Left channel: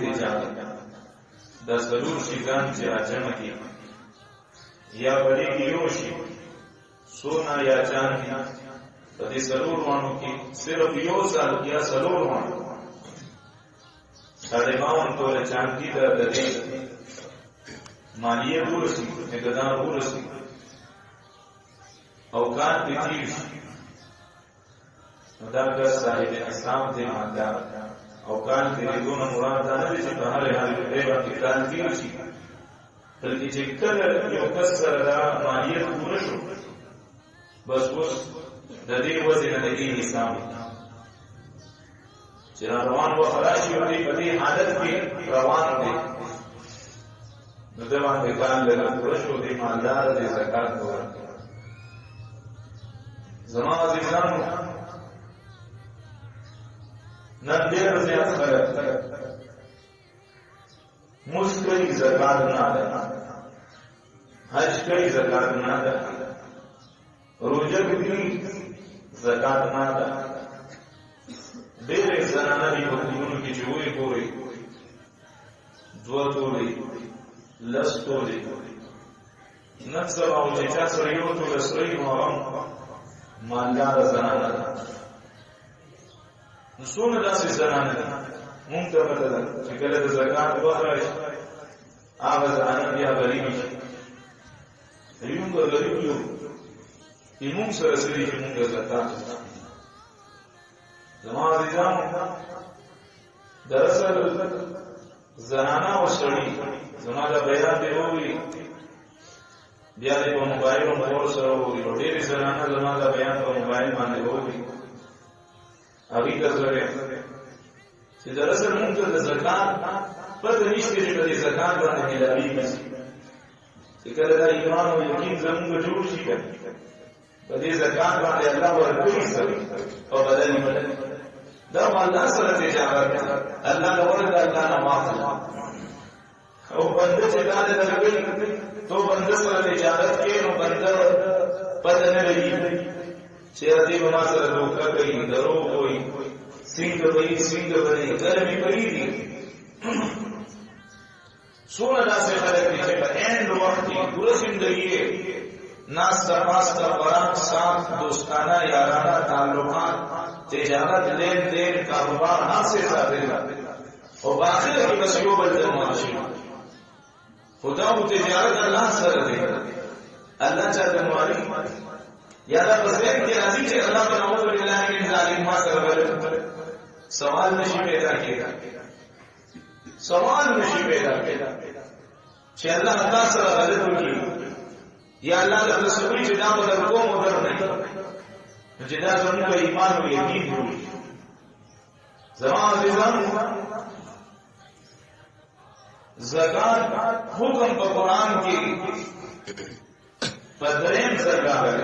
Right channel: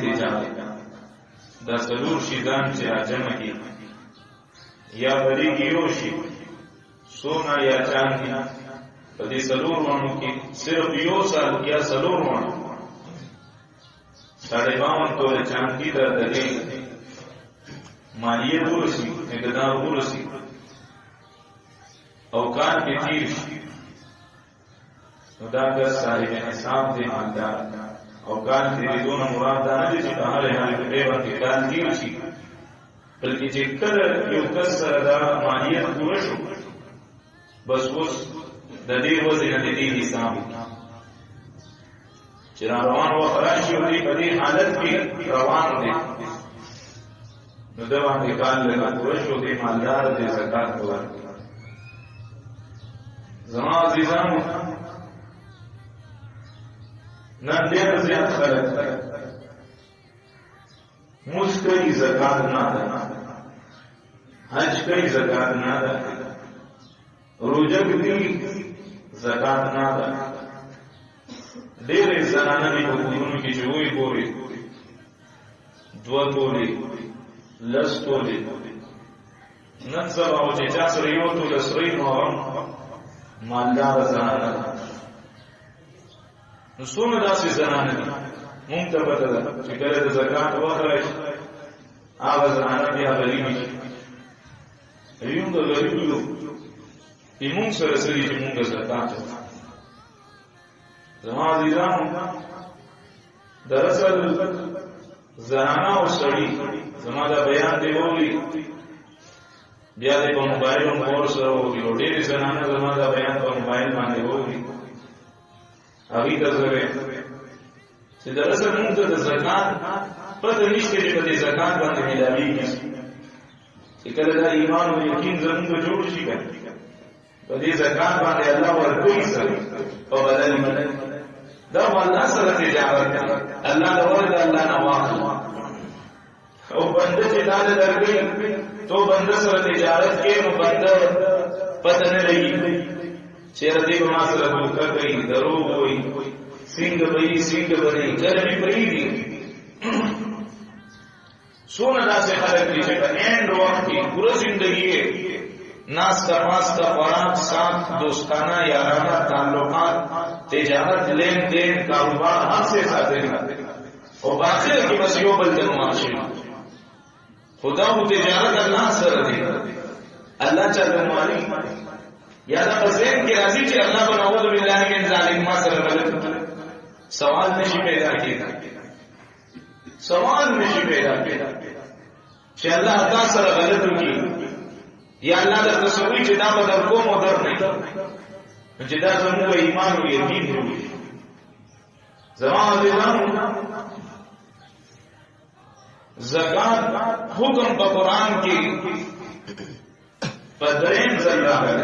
تجارت دا سلور شیزان چې راجمع کی یا بریږي یو شي سونا یا چاندی په دې سلور وانو کې صرف یو سال یا سلور وانو 52 توله چاندی د دې مالیه ورسی اقدار ورسی اوقات کې تیر شي دا د صاحب حساب دی مالدار اوقات دې دون مراد دا نه دي چې په هر حال کې ډېر وخت کار تیر شي بلکې چې کله یو کس دا مالیه پوره شو بس اوس د دې وځي د دې حساب چې روان و خراشي او دې په دې حالت کې روان دي نو دا باندې کار له پوره شو دې مالدار دې زکات ورکړي زما عزیزانو نن ډېر زیات خلک مسکري زکات نه ده حج کوي زکات نه ده روزه کوي زکات نه ده ډېر زنانه دي په کورونو کې چې وایي ګوري دوه تولې لس تولې نن سبا او چې چا سره یو توله سرې نو مالدار زنانه ده نو څونه داسې زنانه دي مونږ ته پته ده چې کله د زکات وخت راشي هغه زنانه بیا غریبې شي یوم د غریب یو چې مونږ سره سړي چې مونږ زکات زما عزیزانو دراصل زنانه او سړي زما دا بیان دی ووري بیا دې په موبایل مور سره ووري ډېرې زنانه زما دا بیان په موبایل باندې ووري هغه کزره چې دراصل موږ ته د زکات پته نشته چې په زکات باندې ملایي چې کله دا ایمان او یقین زموږ جوړ شي په دې زکات باندې الله ورکوي سره او بدل دا الله سره تجارت الله له ورته الله نه واخلي او بنده چې دا درګي تو بنده سره تجارت کې نو بنده پته نه لګي چیرې دې ما سره دوکه کوي درو وای څنګه بني ګرمي پرې دي سونه داسې خلک دي چې په اند وخت کې پوره ژوندۍ ناستا پاستا خوراک ساتھ دوستانہ یارانہ تعلقات تجارت لین دین کاروبار ہر سے ساتھ اور باقی کی بس یو بل جنواشی خدا و تجارت اللہ سر دے اللہ چاہتے مالی یادا بزین کی راضی چی اللہ بنعوذ باللہ من ظالم ما سر غلط سوال نشی پیدا کیا چی اللہ تا سر غلط کی یا اللہ در تصوری چی دا بدر کوم و در نہیں چی دا زمون کا ایمان و یقین ہوئی زمان عزیزان زکات حکم پا قرآن کی پدرین زکات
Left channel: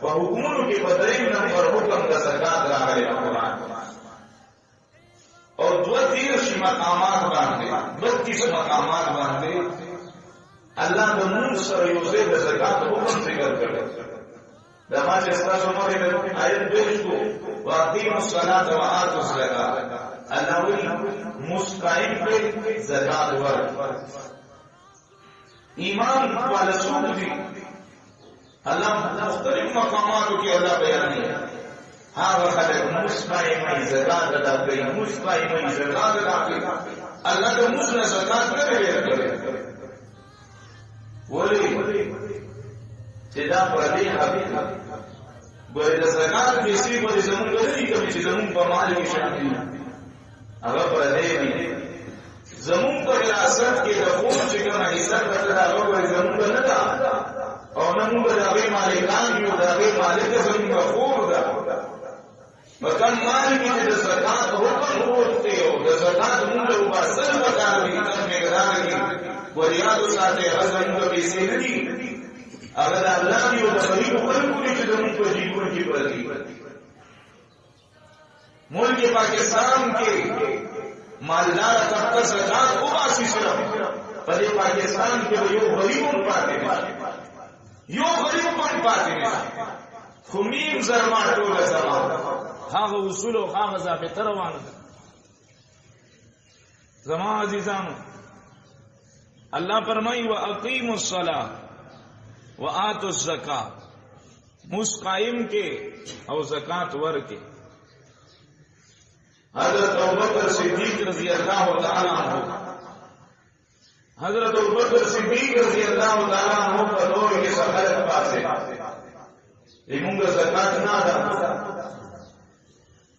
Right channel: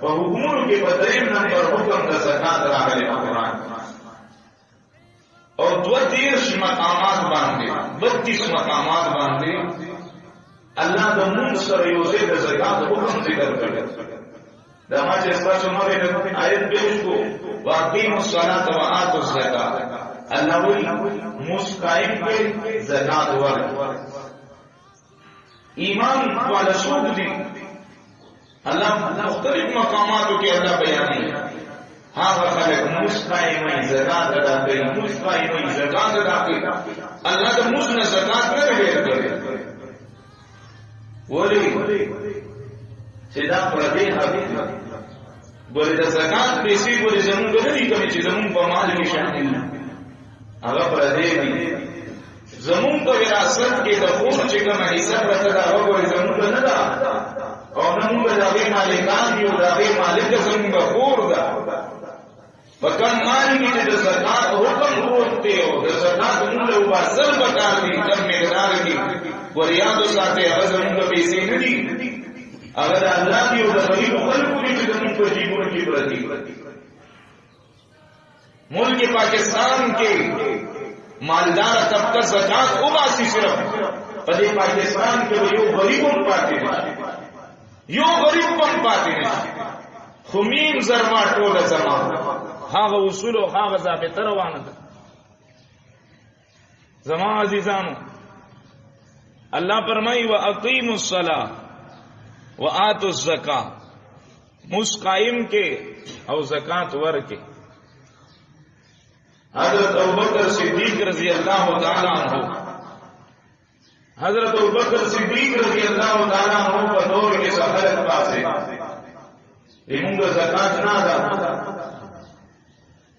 پا حکمونو کی پدرین نمبر حکم دا زکات راگلے پا قرآن اور 32 مقامات باندے 32 مقامات باندے اللہ دا مون سر یوزے دا زکات حکم ذکر کرے دا ما چستا سنا بے آیت بیش کو واقیم الصلاة و آتو الزکات اللہ وی مسقائم پہ زکات ورد ایمان والا سوق دی اللہ مختلف مقاماتوں کے اللہ بیانی ہے ہاں وہ خلق مسقائم زکات ادا کری مسقائم زکات ادا کری اللہ کا مسن زکات نہ غیر کرے ولی چدا پردے حبیب بولے دا زکات پیسے بولے زمون گدی کمی چی زمون پا مال کی شامل اگر پردے بھی زمون پا وراثت کے دخول چکم حساب رتا دا اگر بولے زمون کا ندا اور نمون کا داغی مالکان یو داغی مالک زمون کا خور دا بکم مال کی دا زکات حکم روکتے ہو دا زکات مون لو باسل بکار دی کم مقدار کی وریادو ساتے اگر زمون کا پیسے ندی اگر اللہ کی وہ غریب خلق کی زمین پر جیبوں کی پردی ملک پاکستان کے مالدار طبقہ زکات اباسی صرف پدے پاکستان کے یو غریبوں پاتے یو غریب پم پاتے خمیم زرما ٹول زمان هغه اصول او هغه ضابطه روانه ده. زما عزیزانو الله فرمایي واقیموا الصلاه واتوا الزکات، مس قائم کې او زکات ورکې. حضرت ابوبکر صدیق رضی اللہ تعالی عنہ، حضرت ابوبکر صدیق رضی اللہ تعالی عنہ په دور کې سفر پاسه ایمونګه زکات نه ادا.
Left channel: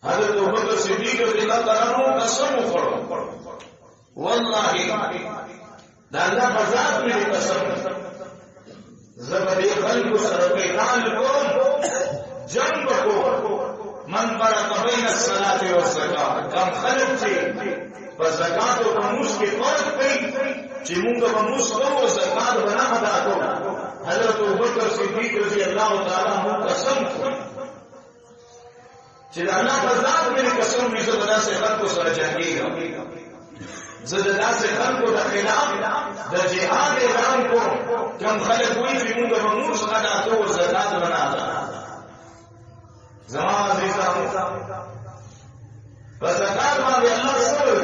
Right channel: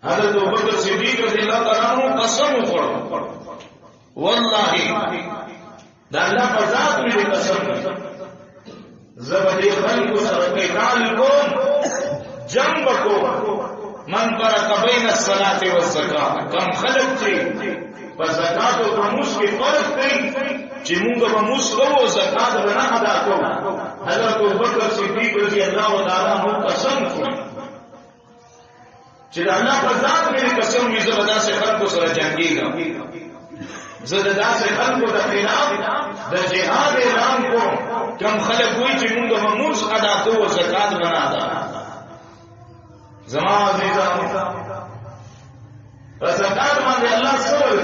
حضرت ابوبکر صدیق رضی اللہ تعالی عنہ قسم وکړو، والله دا الله په ذات مې قسم، زبدي خلق سره قتال کوم، جنگ کو من فرق بین الصلاة والزکات. کم خلق چې په زکات او خموس کې فرق کوي چې موږ به موس کوو او زکات به نه ادا کوو. حضرت ابوبکر صدیق رضی الله تعالی عنہ قسم کوي چې الله په ذات مې قسم وي، زه به داسې خلکو سره جنګېږم، زه د داسې خلکو د خلاف د جهاد اعلان کوم کم خلق وایي چې موږ به موس ادا کوو او زکات به نه ادا. زما عزیزانو په زکات باندې الله سور